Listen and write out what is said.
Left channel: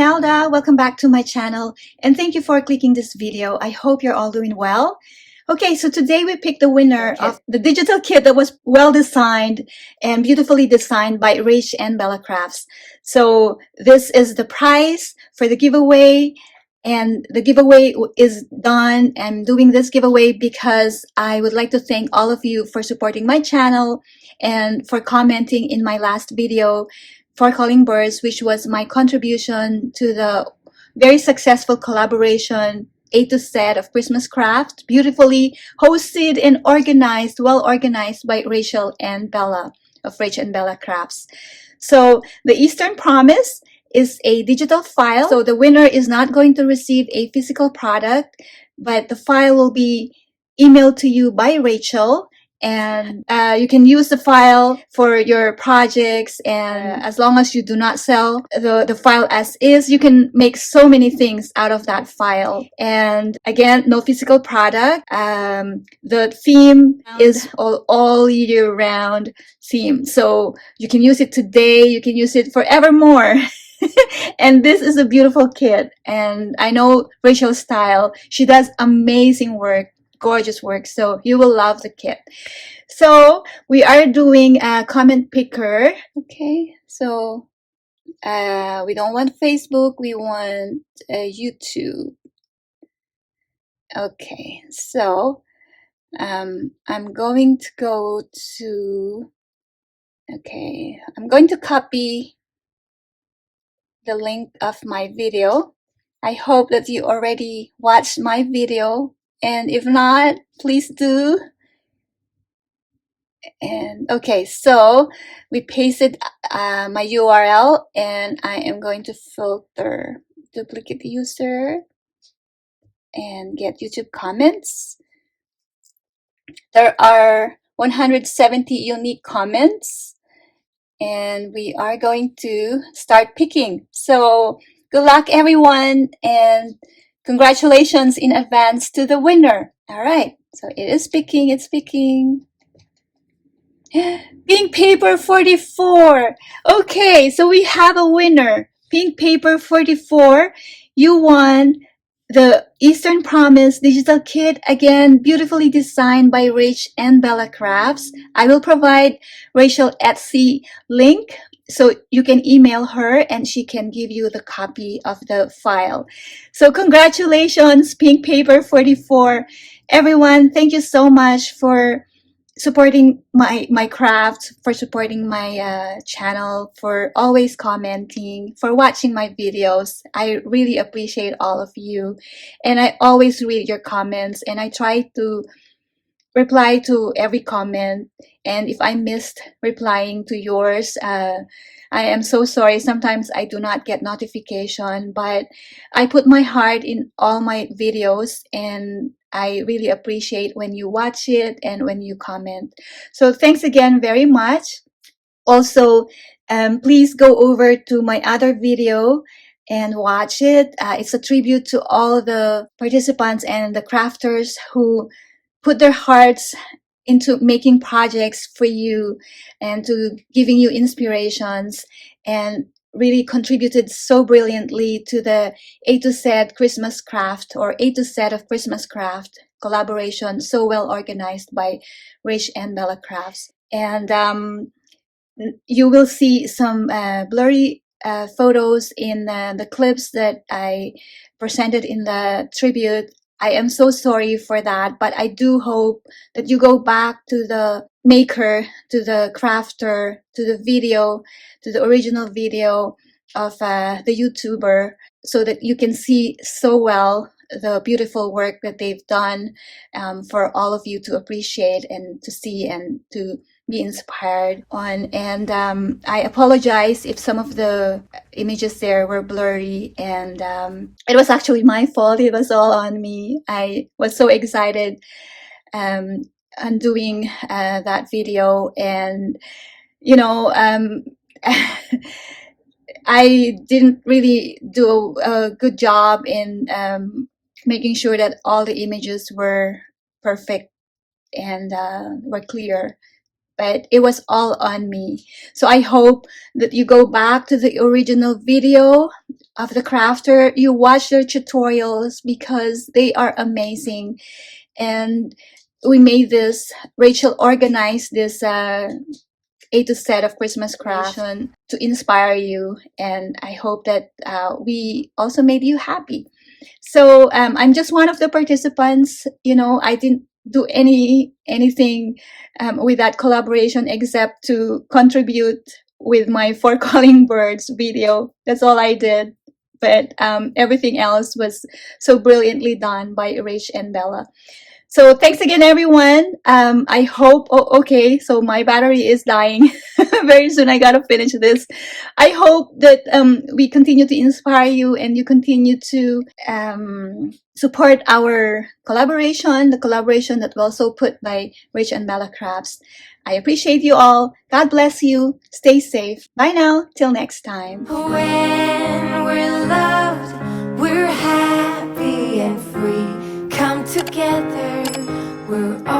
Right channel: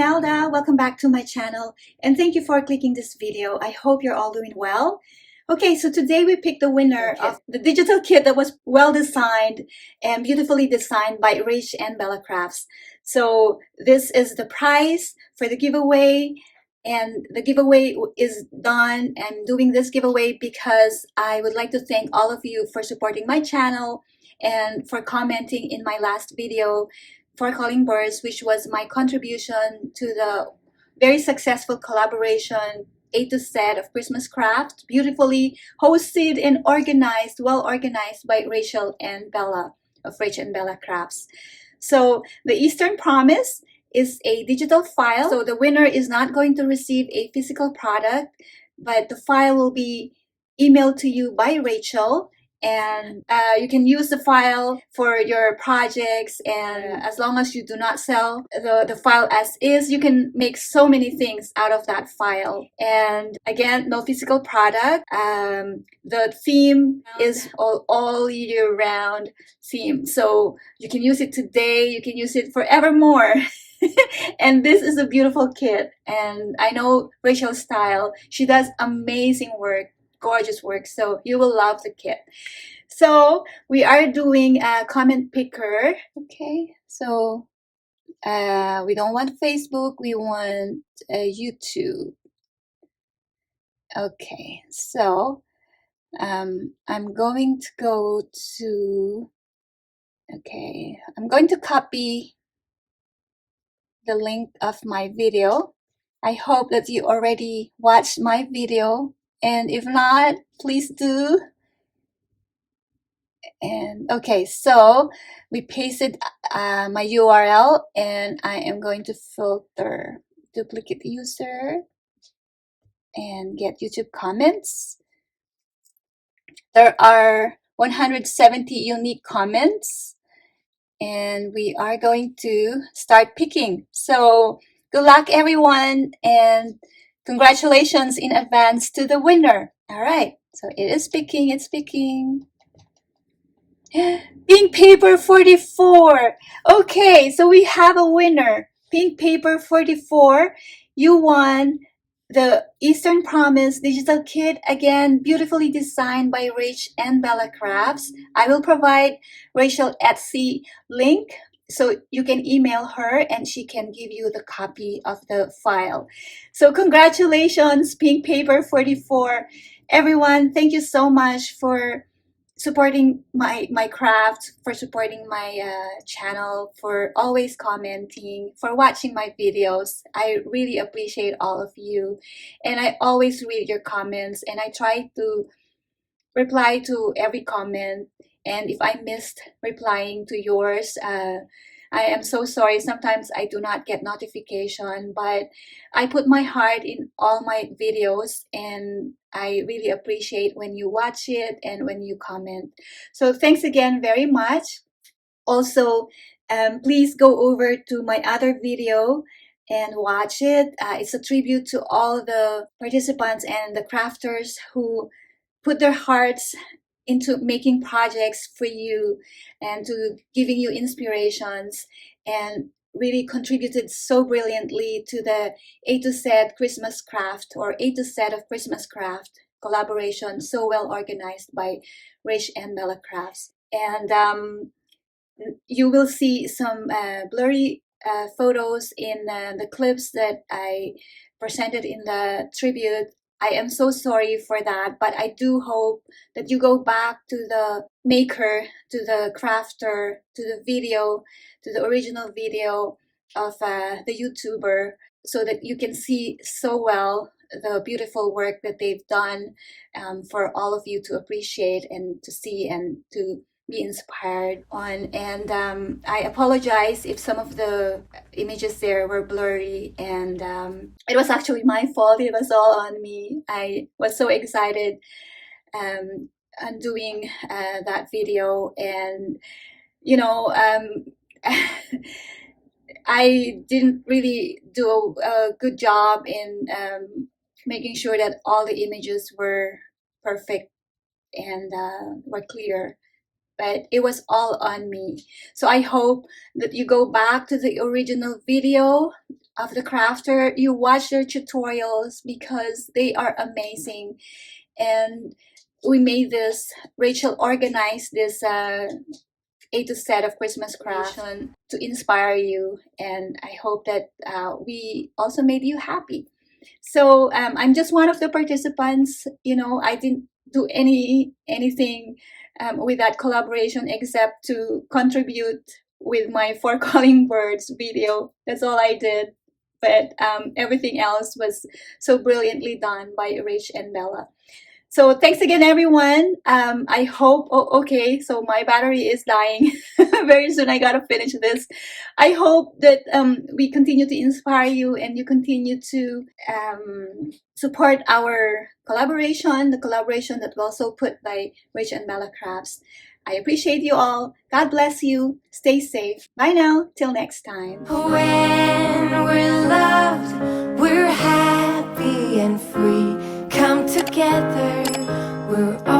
Nelda. Welcome back to my channel and thank you for clicking this video. I hope you're all doing well. Okay, so today we picked the winner of the digital kit that was well designed and beautifully designed by Rach and Bella Crafts. So this is the prize for the giveaway, and the giveaway is done. I'm doing this giveaway because I would like to thank all of you for supporting my channel and for commenting in my last video for Calling Birds, which was my contribution to the very successful collaboration A2Z of Christmas Craft, beautifully hosted and organized, well organized by Rachel and Bella of Rach and Bella Crafts. So the Eastern Promise is a digital file. So the winner is not going to receive a physical product, but the file will be emailed to you by Rachel. And you can use the file for your projects, and as long as you do not sell the file as is, you can make so many things out of that file. And again, no physical product. The theme is all year round theme, so you can use it today, you can use it forevermore. And this is a beautiful kit, and I know Rachel's style. She does amazing work, gorgeous work, so you will love the kit. So we are doing a comment picker. Okay, so we don't want Facebook, we want YouTube. Okay, so I'm going to go to, okay, I'm going to copy the link of my video. I hope that you already watched my video, and if not, please do. And okay, so we pasted my URL, and I am going to filter duplicate user and get YouTube comments. There are 170 unique comments, and we are going to start picking. So good luck, everyone, and congratulations in advance to the winner. All right, so it is picking, it's picking. Pink Paper 44. Okay, so we have a winner. Pink Paper 44. You won the Eastern Promise digital kit, again beautifully designed by Rach and Bella Crafts. I will provide Rachel Etsy link so you can email her and she can give you the copy of the file. So congratulations, Pink Paper 44. Everyone, thank you so much for supporting my craft, for supporting my channel, for always commenting, for watching my videos. I really appreciate all of you, and I always read your comments, and I try to reply to every comment. And if I missed replying to yours, I am so sorry. Sometimes I do not get notification, but I put my heart in all my videos, and I really appreciate when you watch it and when you comment. So thanks again very much. Also, please go over to my other video and watch it. It's a tribute to all the participants and the crafters who put their hearts into making projects for you and to giving you inspirations, and really contributed so brilliantly to the A2Z Christmas Craft, or A2Z of Christmas Craft collaboration, so well organized by Rach and Bella Crafts. And you will see some blurry photos in the clips that I presented in the tribute. I am so sorry for that, but I do hope that you go back to the maker, to the crafter, to the video, to the original video of the YouTuber, so that you can see so well the beautiful work that they've done, for all of you to appreciate and to see and to be inspired on. And I apologize if some of the images there were blurry, and it was actually my fault. It was all on me. I was so excited on doing that video, and you know, I didn't really do a good job in making sure that all the images were perfect and were clear. but it was all on me. So I hope that you go back to the original video of the crafter, you watch their tutorials because they are amazing. And we made this, Rachel organized this A2Z of Christmas craft to inspire you, and I hope that we also made you happy. So I'm just one of the participants. You know, I didn't do anything with that collaboration except to contribute with my Four Calling Birds video. That's all I did. But everything else was so brilliantly done by Rach and Bella. So thanks again, everyone. I hope, okay, so my battery is dying very soon. I gotta finish this. I hope that we continue to inspire you and you continue to support our collaboration, the collaboration that was also put by Rich and Bella Crafts. I appreciate you all. God bless you. Stay safe. Bye now. Till next time. When we're loved, we're happy and free. Come together, we're all